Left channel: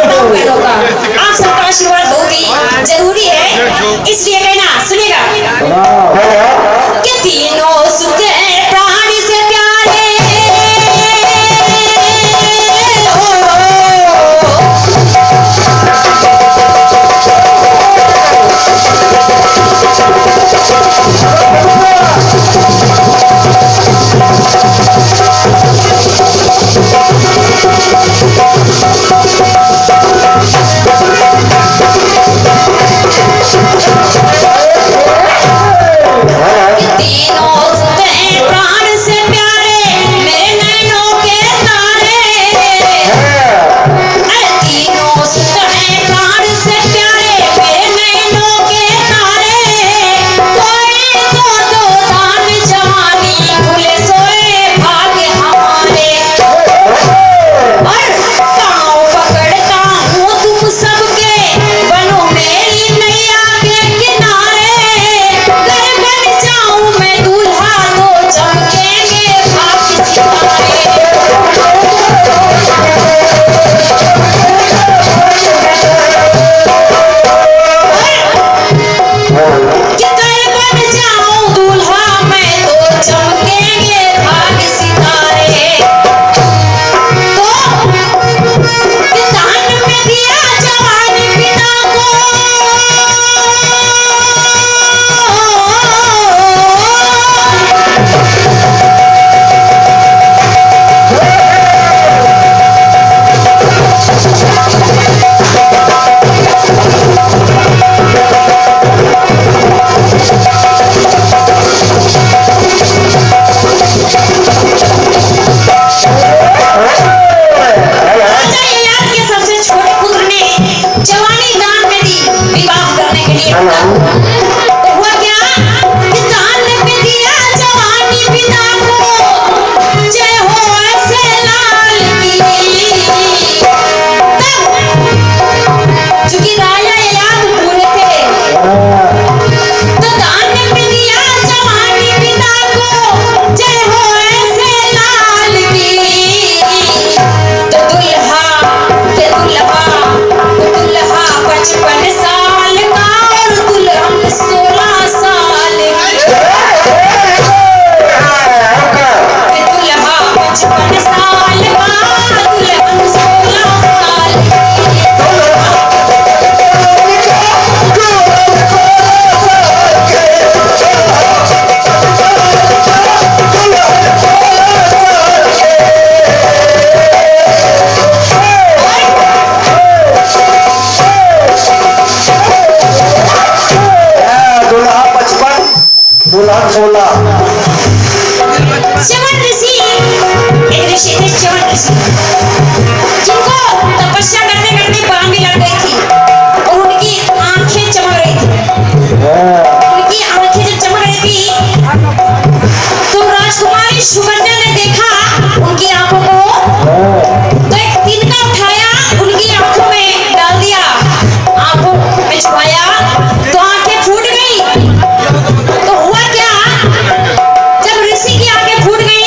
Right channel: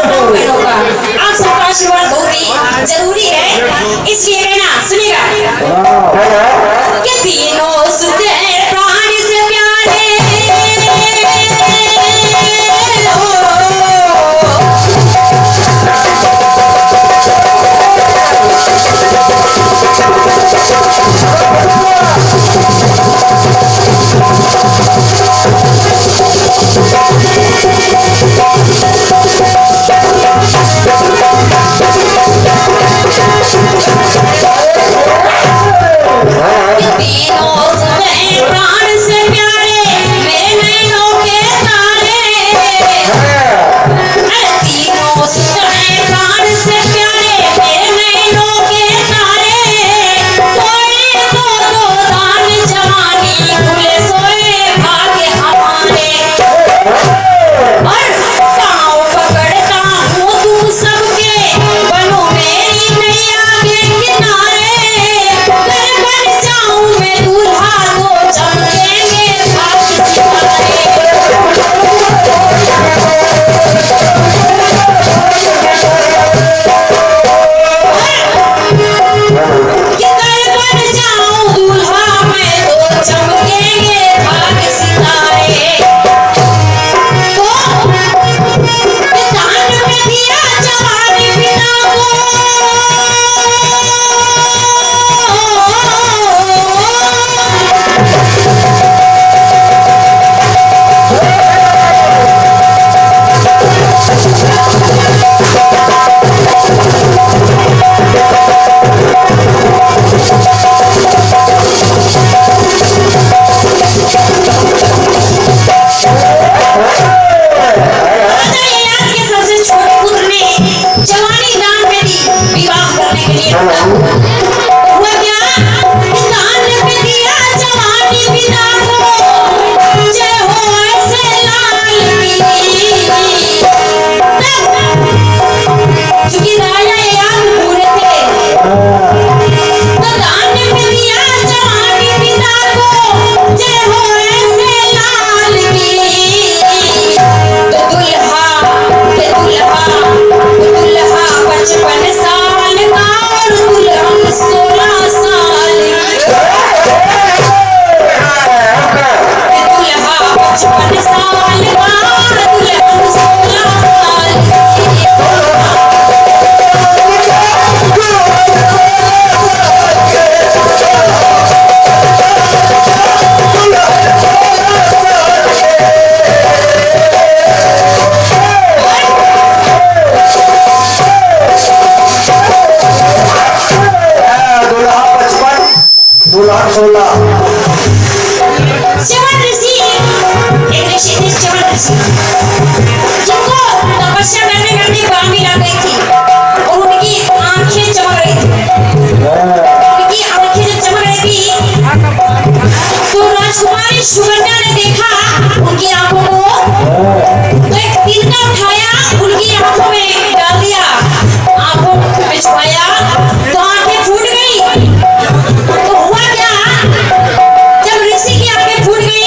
आप सबका आशीर्वाद बहुत ही जरूरी है, इसलिए कहना सुनेगा कि तीनों सुख प्राण से प्यारे फूट गई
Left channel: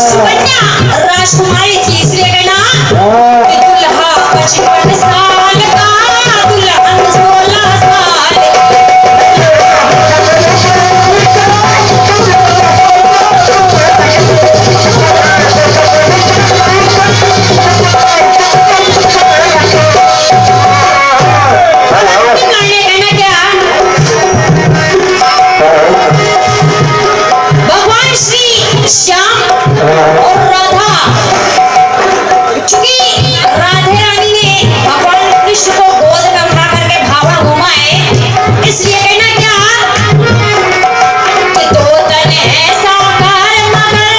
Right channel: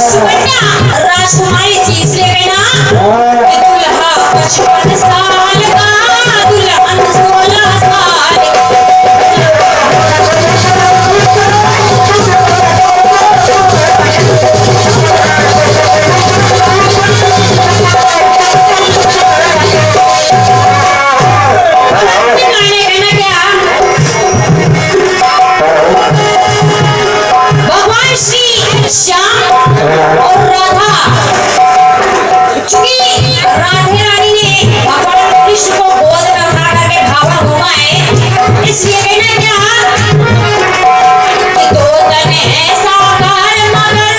सुकन्या राजकुमारी थी, इसलिए कहना कि दुल्हा 55 साल का, दुल्हन 16 साल की। भगवान श्री श्याम और राधा, चूंकि राधे रानी ने भगवान कृष्ण को गोद में उठा करके भावा घुमाए, इसलिए कहना क्या कि दो तने साकार मगर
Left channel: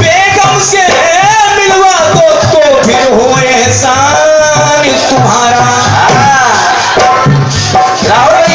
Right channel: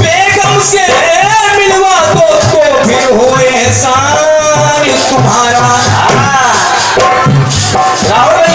बेगम से मिलवा दो तो फिर हो एहसान तुम्हारा। राहुल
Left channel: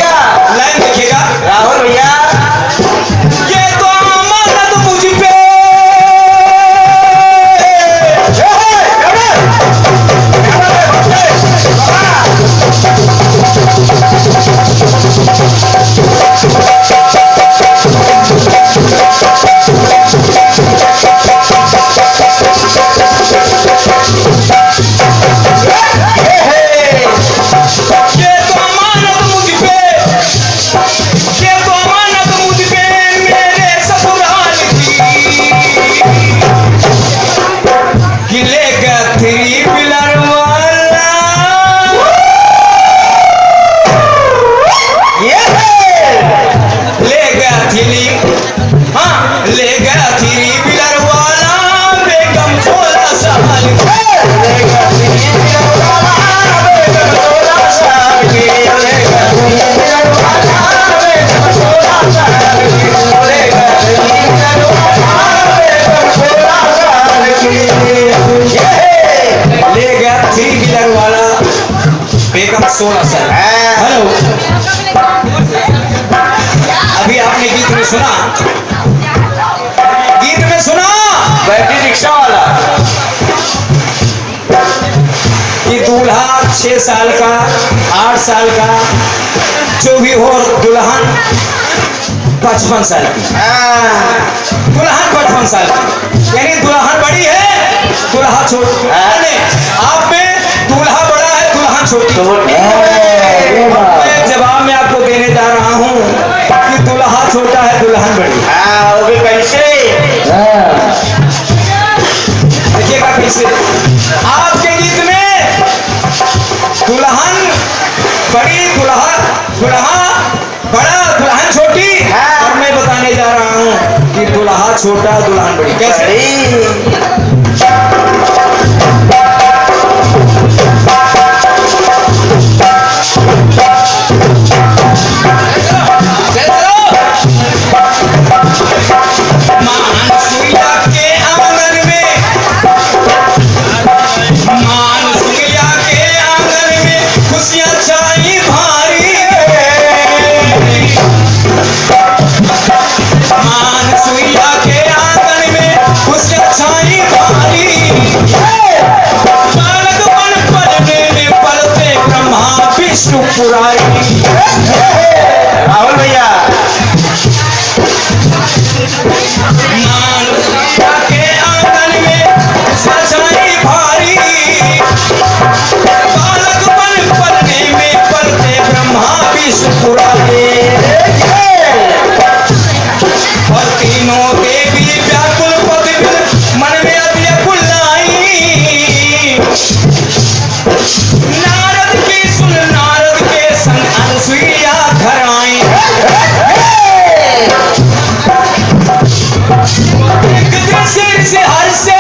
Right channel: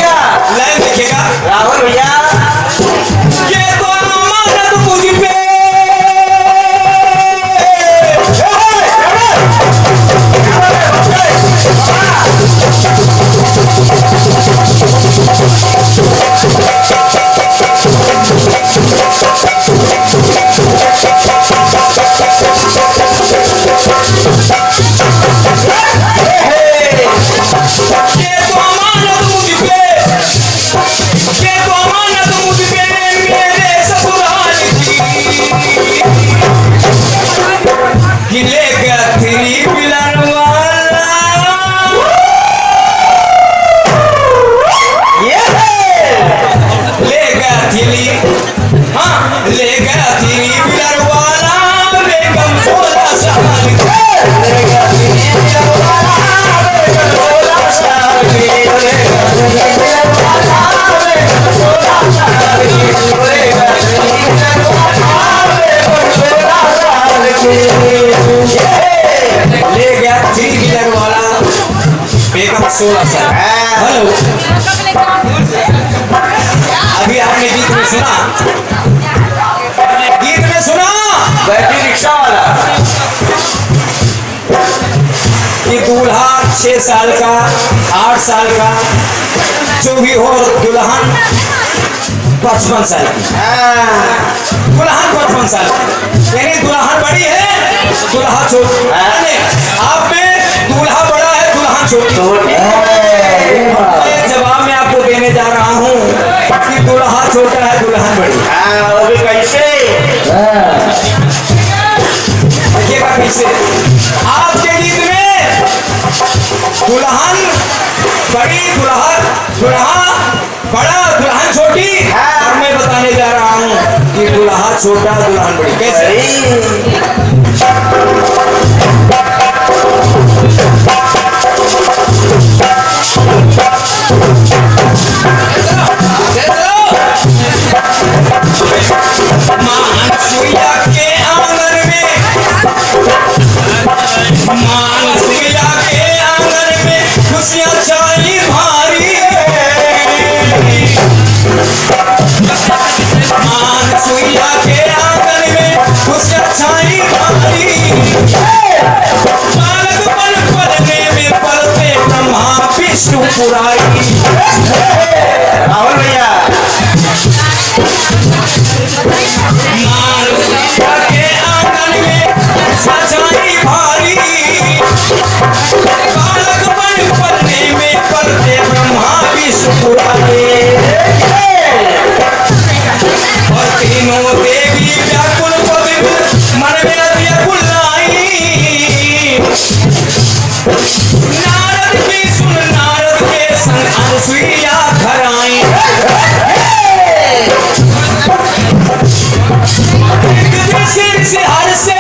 थीली, हाँ ले गया थीली बिलर वाला बेगम 16 साल की। ले गया थीली बिलर वाला बेगम 16 साल की। ले गया थीली बिलर वाला बेगम 16 साल की। ले गया थीली बिलर वाला बेगम 16 साल की। ले गया थीली बिलर वाला बेगम 16 साल। हेलो, अभी आपने गीत में सुना, गीत में सुना बैटरी रिक्शा वाला कि दूल्हा 6 साल का 8 साल का जो भी हो, दुल्हन 55 साल की। दुल्हन 55 साल की, यानी दुल्हन बड़ी है, दुल्हा छोटी। आप में दूल्हा बड़ा है, दुल्हन छोटी। जवाब मैं आपको देने जा रहा हूँ कि दुल्हा छोटा है, दुल्हन बड़ी। वो भी कैसे? देखिएगा कैसे आपके गीत में दुल्हन बड़ी, दुल्हा बड़ा, दुल्हन छोटी। और मैं बताने जा रहा हूँ कि दुल्हा छोटा, दुल्हन बड़ी। कैसे? राहुल भैया के आंगन में सजाई भारी, बालक पलने में पलते ब्रह्मा विष्णु पुरारी। और तीनों देवी व्याकुल पद मन में अव्याकुल लाई। नारद की सुन, नारद के संग अनुसुईया घर आई। एक दूसरे से हर से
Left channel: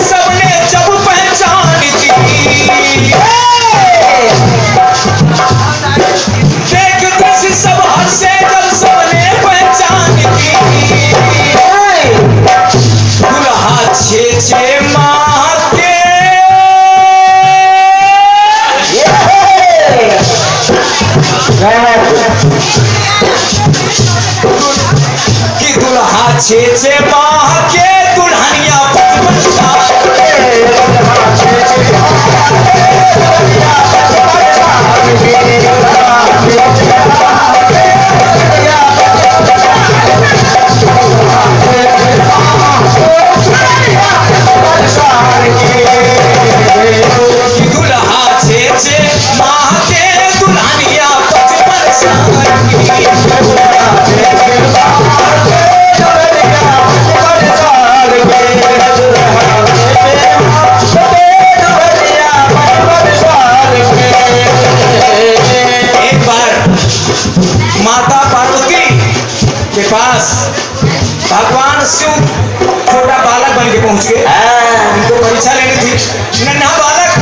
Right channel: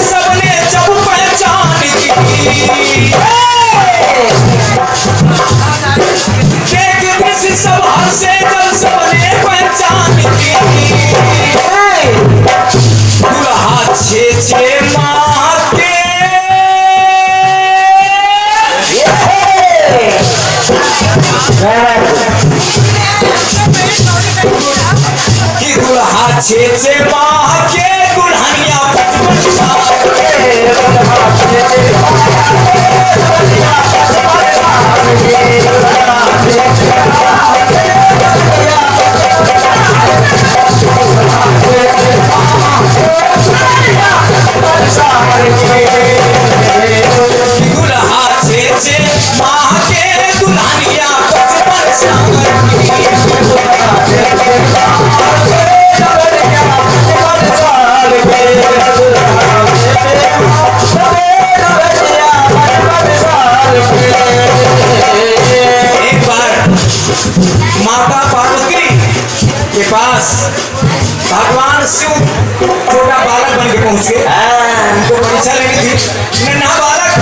सबने जब पहचान की, देख दृश्य सब हंसे जब सबने पहचान की। दुल्हा 6 माह के कि दुल्हा 6 माह के, दुल्हनिया 55 साल दुल्हा 6 माह के, दुल्हनिया 55 एक बार माता पार्वती के पास भगवान शिव छोटा बालक बन के पहुंच गए। उनको परीक्षा लेनी थी, नन्हा बालक।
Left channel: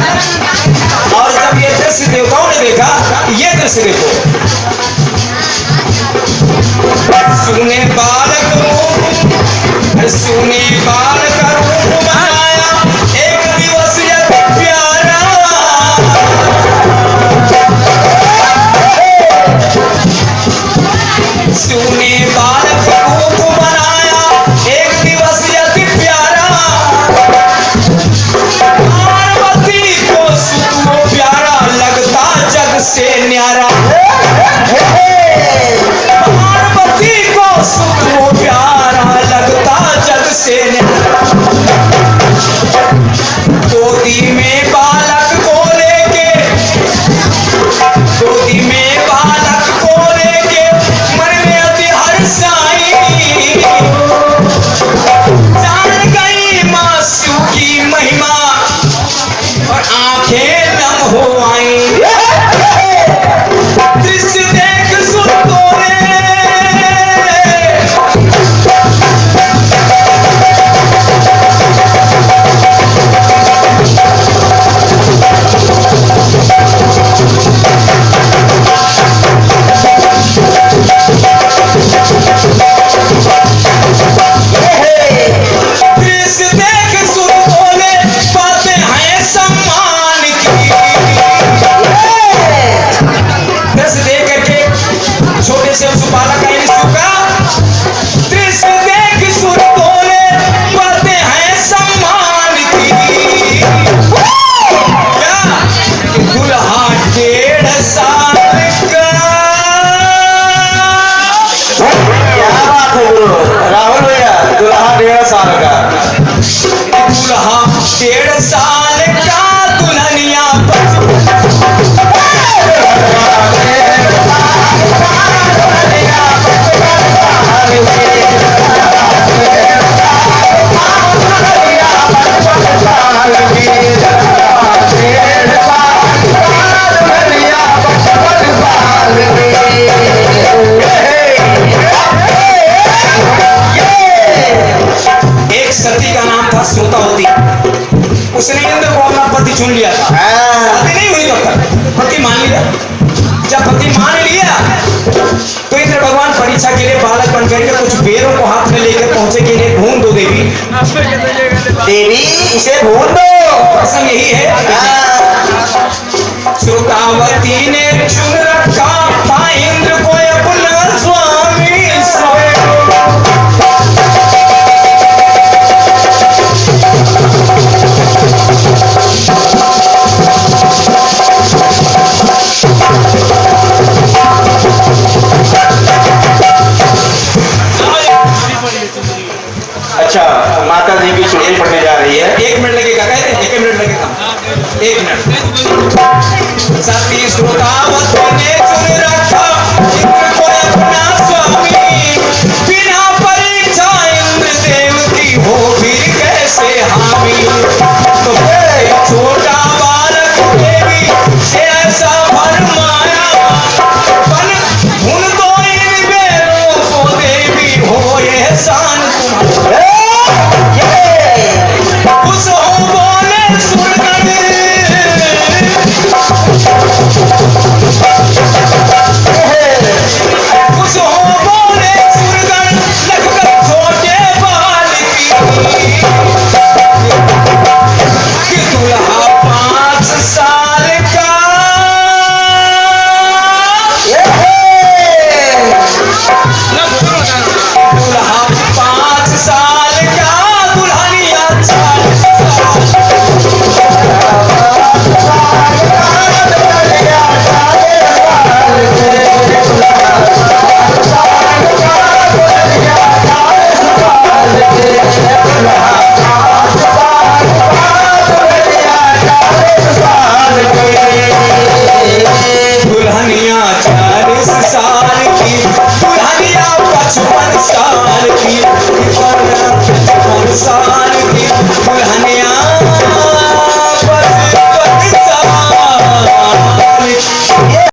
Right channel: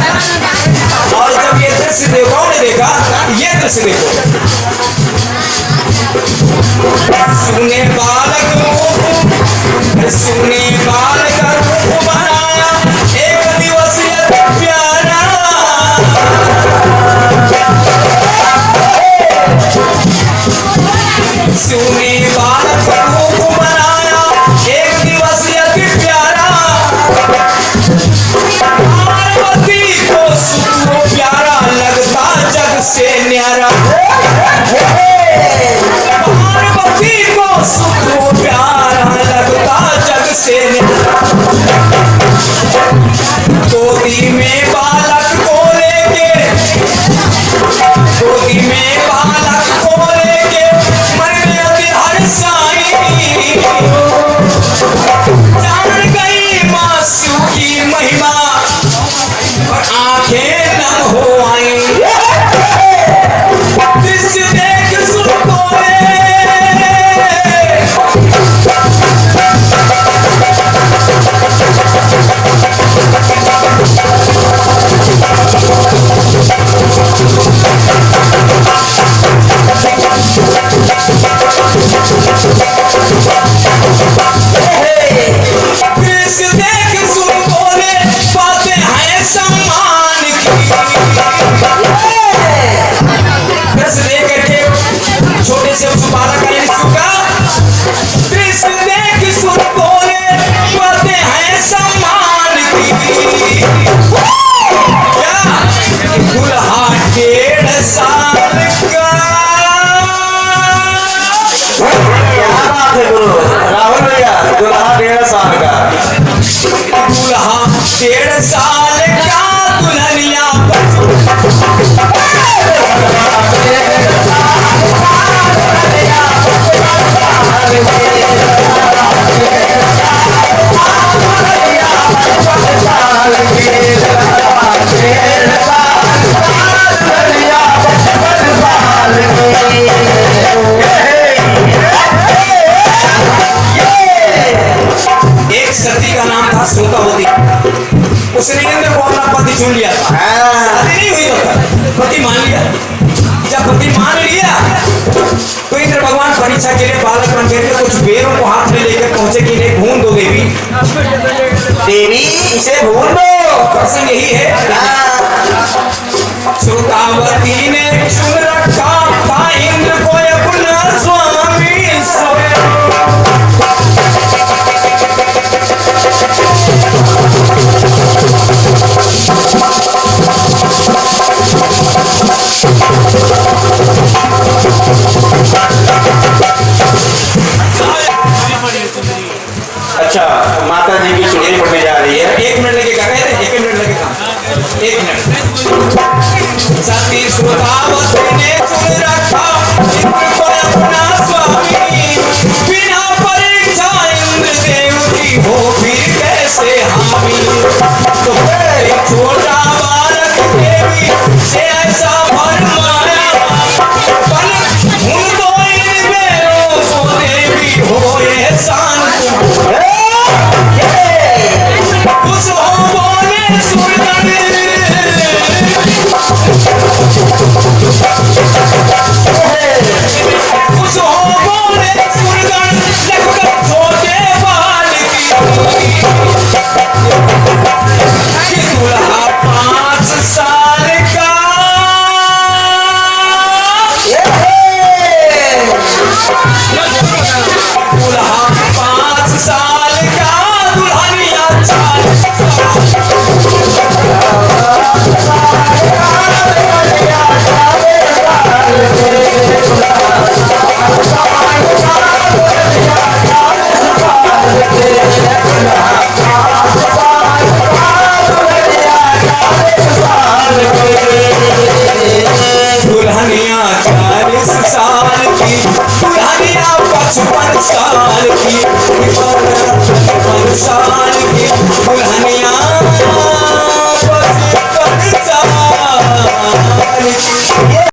और जब ये दृश्य देवताओं ने देखा, ये दृश्य देखो, सुने बालक रूप, सुने बालक रूप बनाया, एक दिवस यति प्यारा। सुने बालक रूप बनाया, एक दिवस यति प्यारा। पार्वती को सुख प्यारा लगता, जग से न्यारा। पार्वती को सुख से गोदी में बालक को लेके गोदी में बालक को लेके मन में अति हर्षाई जान गई मासू की महिमा और आंखें नम हो आई दृश्य देख सुन बोले दृश्य देख सुन बोले बातें हैं सम्मान की दृश्य देख करके छोटे से उस बालक का यीशु का दृश्य देख सुन बोले बातें हैं सम्मान की क्या दुल्हा 1.5 साल का क्या बात है गुरु राहुल भैया दुल्हा 1.5 साल का दुल्हा 1.5 साल का दुल्हनिया एक सती का नाम था श्रोतावती उसने इंद्र को अपना पति चुन लिया था शादी नहीं हुई तब तक पति मान लिया जब पति मान लिया तो इंद्र भगवान परीक्षा के लिए बालक बन करके कुछ बेरों को हाथ में लेकर पहुंचे के लिए ढूंढ दो देवी देवी इसे ढूंढ दो प्रसंग यही है श्रोतावती ने चुन